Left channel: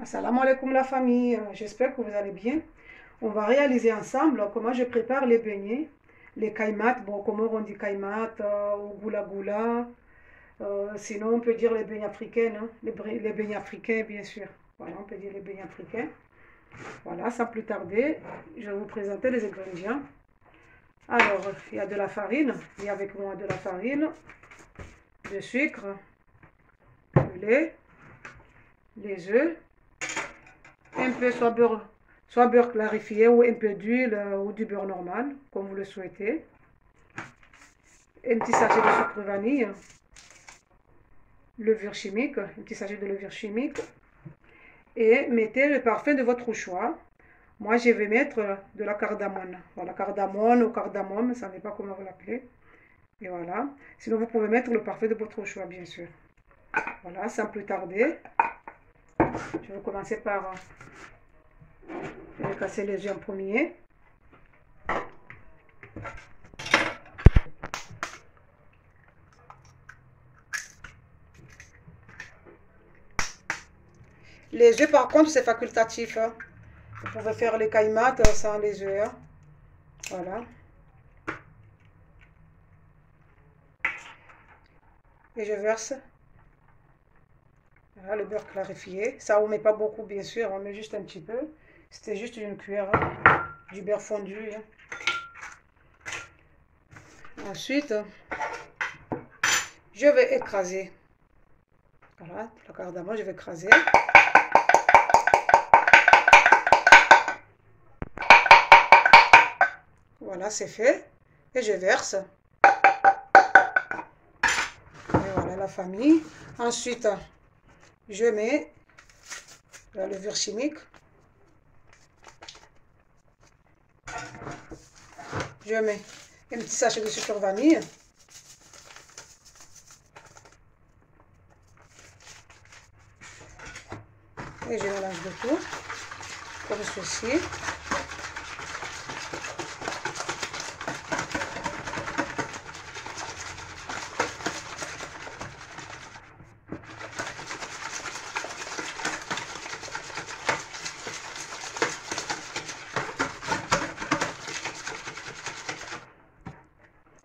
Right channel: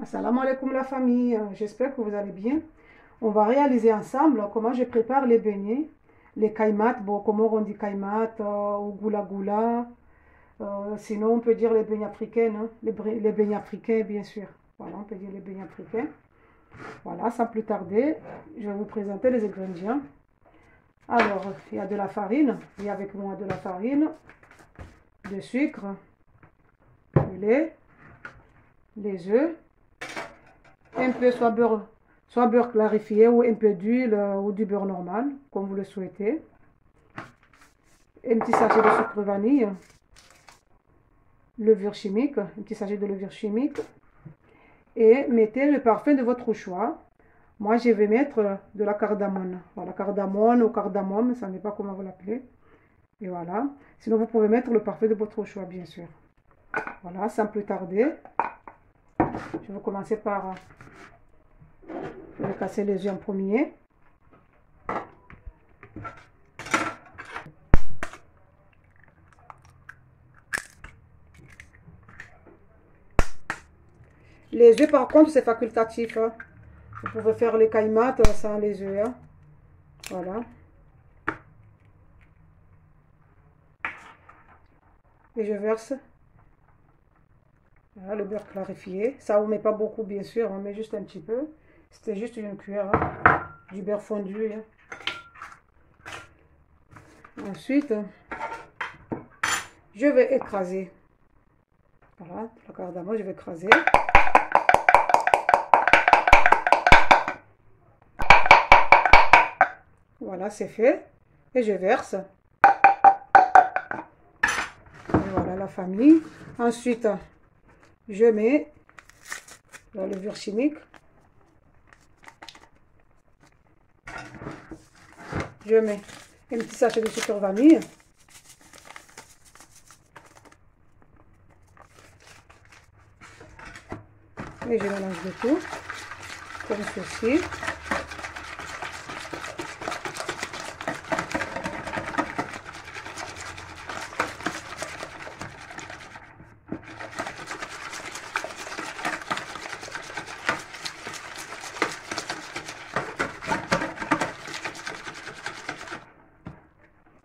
Assalamu alaikum la famille, j'espère que vous allez bien. On va réaliser ensemble comment je prépare les beignets, les kaimat, bon, comment on dit kaimat, ou goula goula, sinon on peut dire les beignets africains, hein, les beignets africains bien sûr. Voilà, on peut dire les beignets africains. Voilà, sans plus tarder, je vais vous présenter les ingrédients. Alors, il y a de la farine, il y a avec moi de la farine, du sucre, du lait, les œufs, un peu soit beurre clarifié ou un peu d'huile ou du beurre normal, comme vous le souhaitez. Un petit sachet de sucre vanille, levure chimique, un petit sachet de levure chimique. Et mettez le parfum de votre choix. Moi, je vais mettre de la cardamone. Voilà, cardamone ou cardamome, ça ne sais pas comment vous l'appelez. Et voilà. Sinon, vous pouvez mettre le parfum de votre choix, bien sûr. Voilà, sans plus tarder, je vais commencer par casser les œufs en premier. Les œufs, par contre, c'est facultatif, hein. Vous pouvez faire les kaimat sans les œufs, hein. Voilà. Et je verse voilà, le beurre clarifié. Ça, on ne met pas beaucoup, bien sûr. On met juste un petit peu. C'était juste une cuillère, hein, du beurre fondu, hein. Ensuite, je vais écraser. Voilà, la cardamome, je vais écraser. Voilà, c'est fait. Et je verse. Et voilà la famille. Ensuite, je mets la levure chimique. Je mets un petit sachet de sucre vanille. Et je mélange le tout, comme ceci.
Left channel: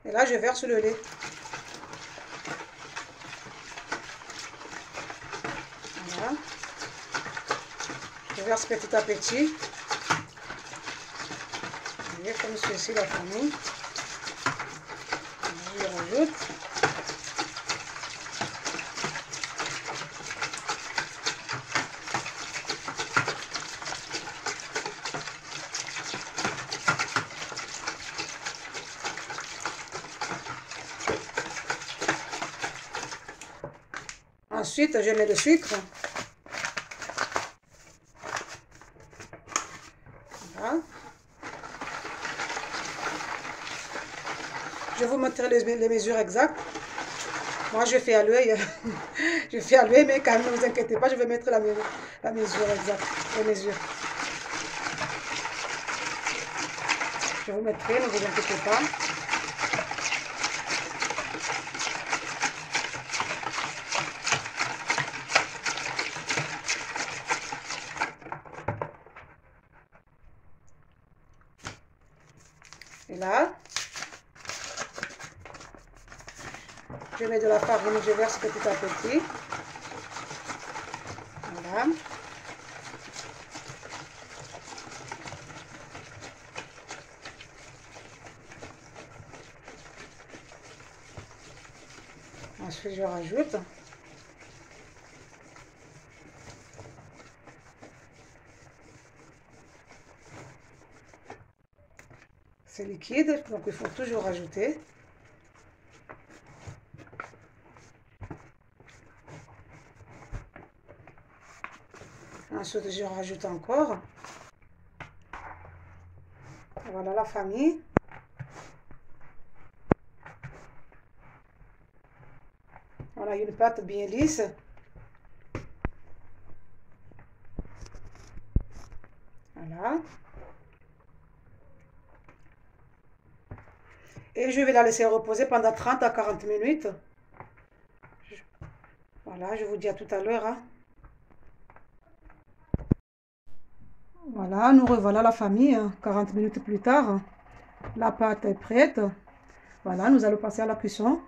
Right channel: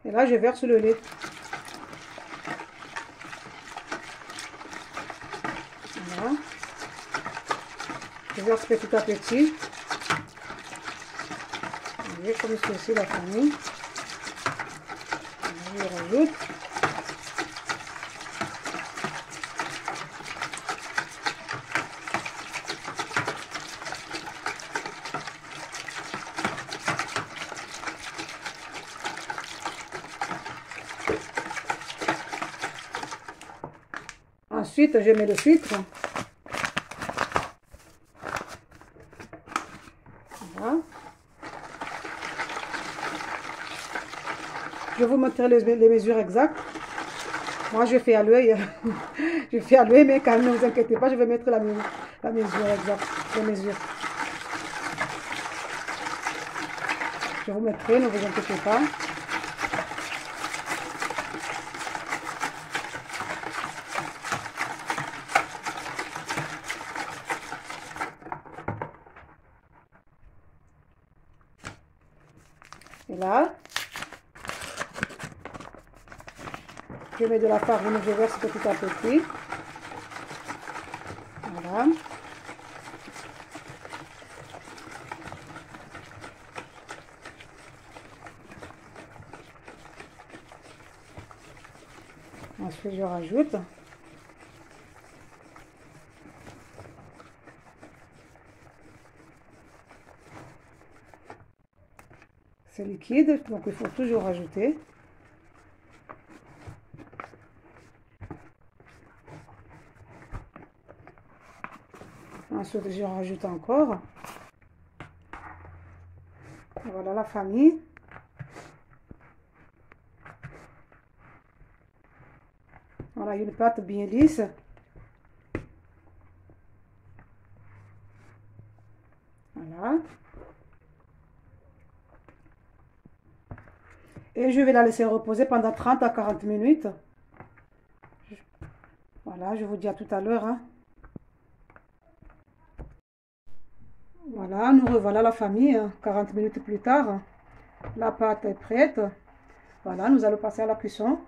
Et là, je verse le lait. Voilà. Je verse petit à petit. Vous voyez, comme ceci, la famille. Je rajoute. Ensuite, je mets le sucre. Voilà. Je vais vous montrer les mesures exactes. Moi, je fais à l'œil. Je fais à l'œil, mais quand même, ne vous inquiétez pas, je vais mettre la mesure exacte. Les mesures. Je vous mettrai, ne vous inquiétez pas. Et là, je mets de la farine, je verse petit à petit. Voilà. Ensuite, je rajoute. C'est liquide, donc il faut toujours rajouter. Ensuite, je rajoute encore. Voilà la famille. Voilà une pâte bien lisse. Voilà. Et je vais la laisser reposer pendant 30 à 40 minutes. Voilà, je vous dis à tout à l'heure, hein. Voilà, nous revoilà la famille, 40 minutes plus tard. La pâte est prête. Voilà, nous allons passer à la cuisson.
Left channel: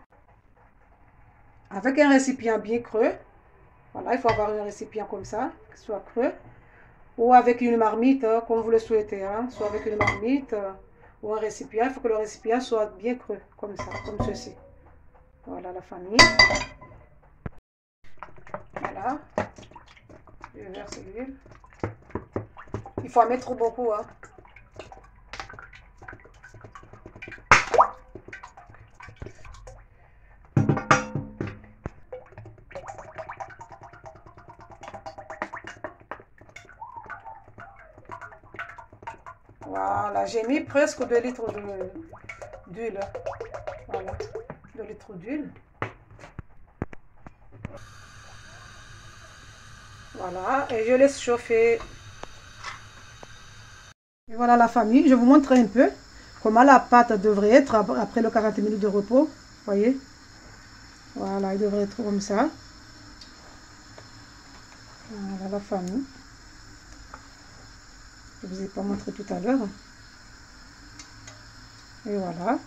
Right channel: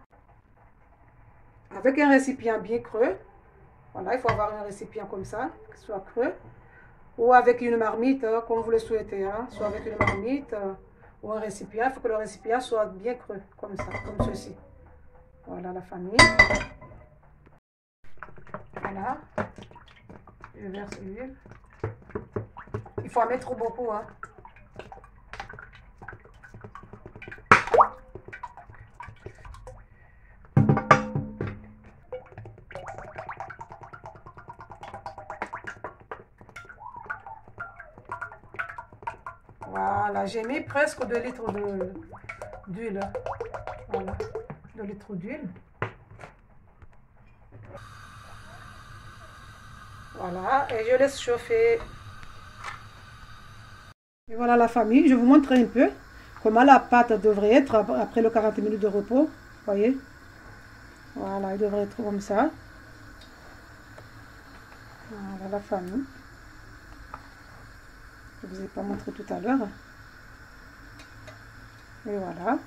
Avec un récipient bien creux. Voilà, il faut avoir un récipient comme ça, qui soit creux. Ou avec une marmite, comme vous le souhaitez. Hein. Soit avec une marmite ou un récipient. Il faut que le récipient soit bien creux, comme ça, comme ceci. Voilà la famille. Voilà. Je verse l'huile. Il faut en mettre beaucoup. Hein. Voilà, j'ai mis presque 2 litres d'huile. Voilà, 2 litres d'huile. Voilà, et je laisse chauffer. Et voilà la famille, je vous montre un peu comment la pâte devrait être après le 40 minutes de repos. Voyez? Voilà, elle devrait être comme ça. Voilà la famille. Je ne vous ai pas montré tout à l'heure. Et voilà.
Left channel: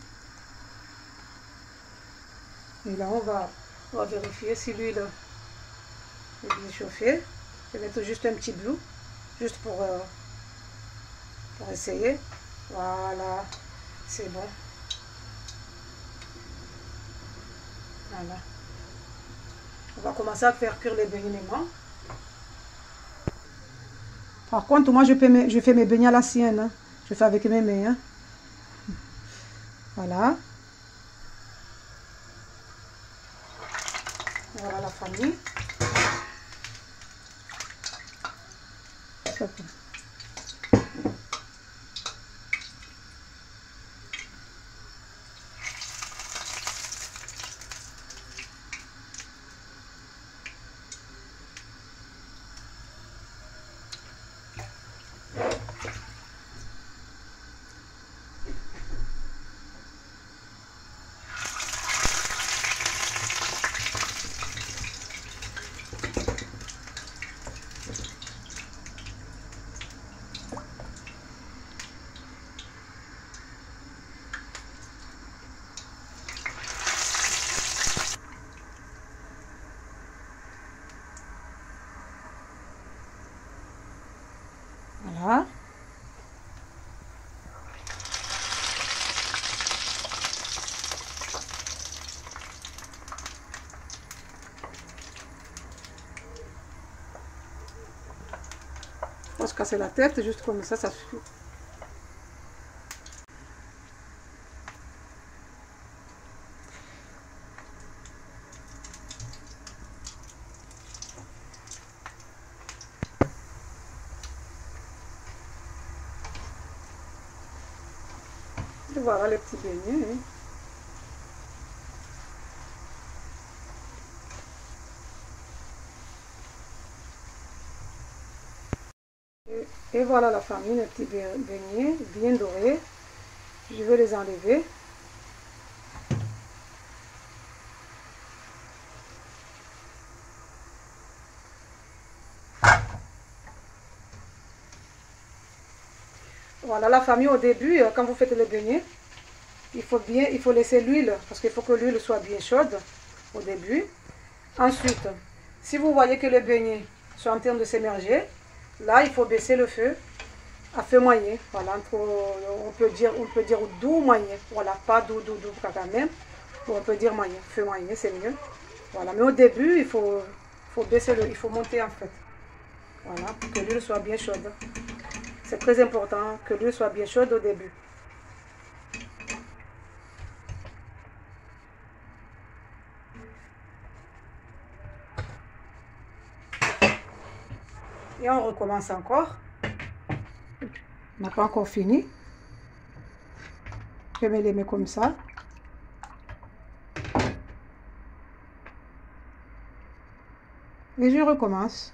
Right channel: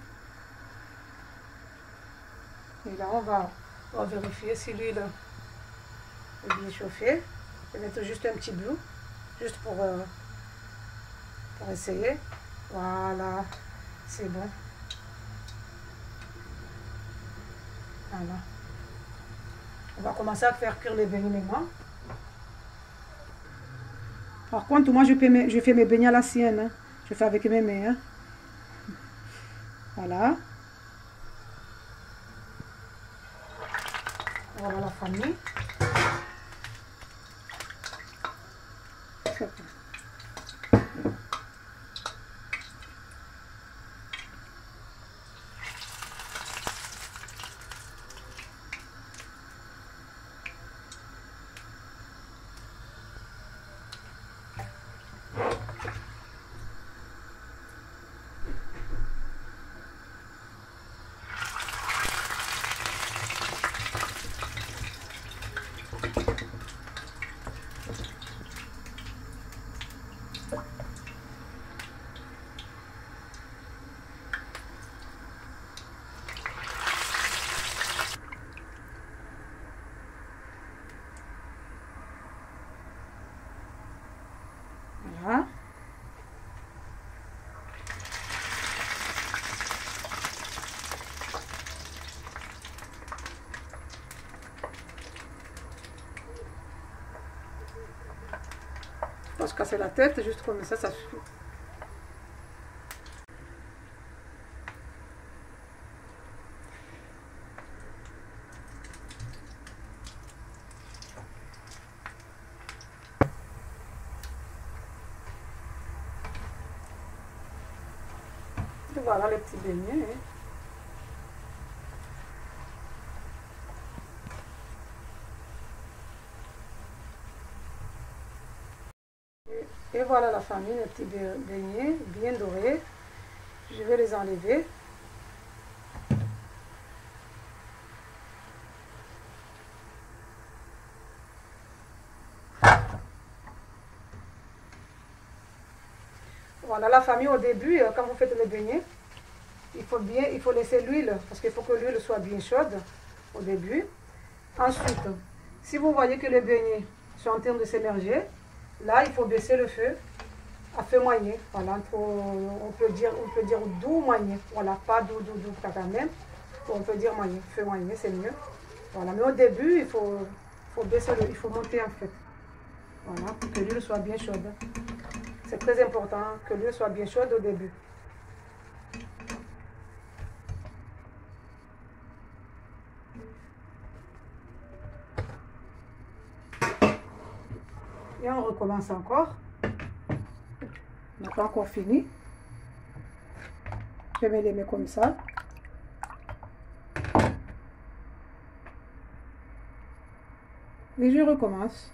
Et là, on va vérifier si l'huile est bien chauffée. Je vais mettre juste un petit bleu, juste pour essayer. Voilà, c'est bon. Voilà. On va commencer à faire cuire les beignets maintenant. Par contre, moi, je fais mes beignets à la sienne. Hein. Je fais avec mes mains. Hein. Voilà. Voilà la famille. Voilà. On va se casser la tête, juste comme ça suffit. Et voilà les petits beignets. Hein. Et voilà la famille, les petits beignets bien dorés. Je vais les enlever. Voilà la famille, au début, quand vous faites les beignets, il faut laisser l'huile, parce qu'il faut que l'huile soit bien chaude au début. Ensuite, si vous voyez que les beignets sont en train de s'émerger, là, il faut baisser le feu à feu moyen. Voilà, on peut dire doux moyen. Voilà, pas doux quand même. On peut dire moyen, feu moyen, c'est mieux. Voilà, mais au début, il faut baisser il faut monter en fait. Voilà, pour que l'huile soit bien chaude. C'est très important que l'huile soit bien chaude au début. Et on recommence encore. On n'a pas encore fini. Je mets les mains comme ça. Et je recommence.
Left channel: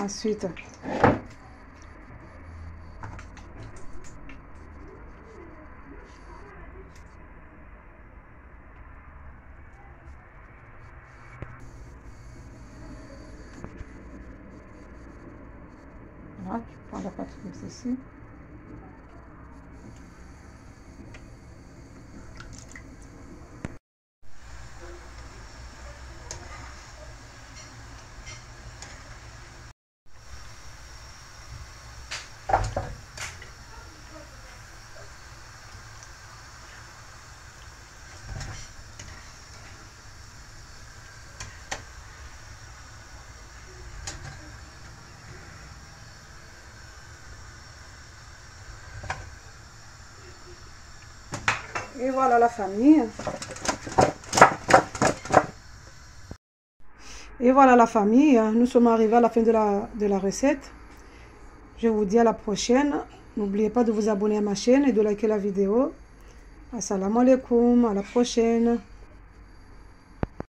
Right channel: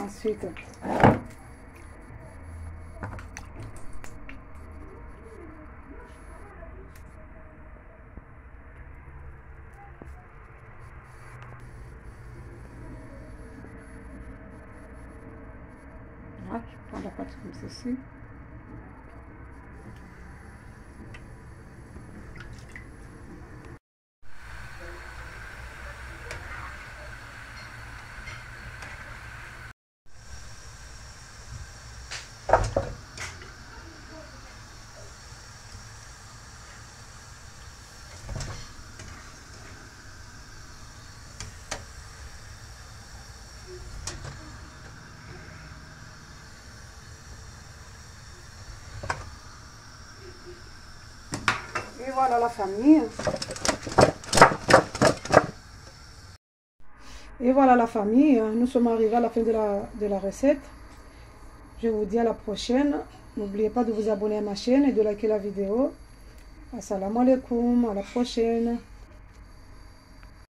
Ensuite, prendre la pâte comme ceci. Et voilà la famille. Et voilà la famille. Nous sommes arrivés à la fin de la recette. Je vous dis à la prochaine. N'oubliez pas de vous abonner à ma chaîne et de liker la vidéo. Assalamu alaikum. À la prochaine.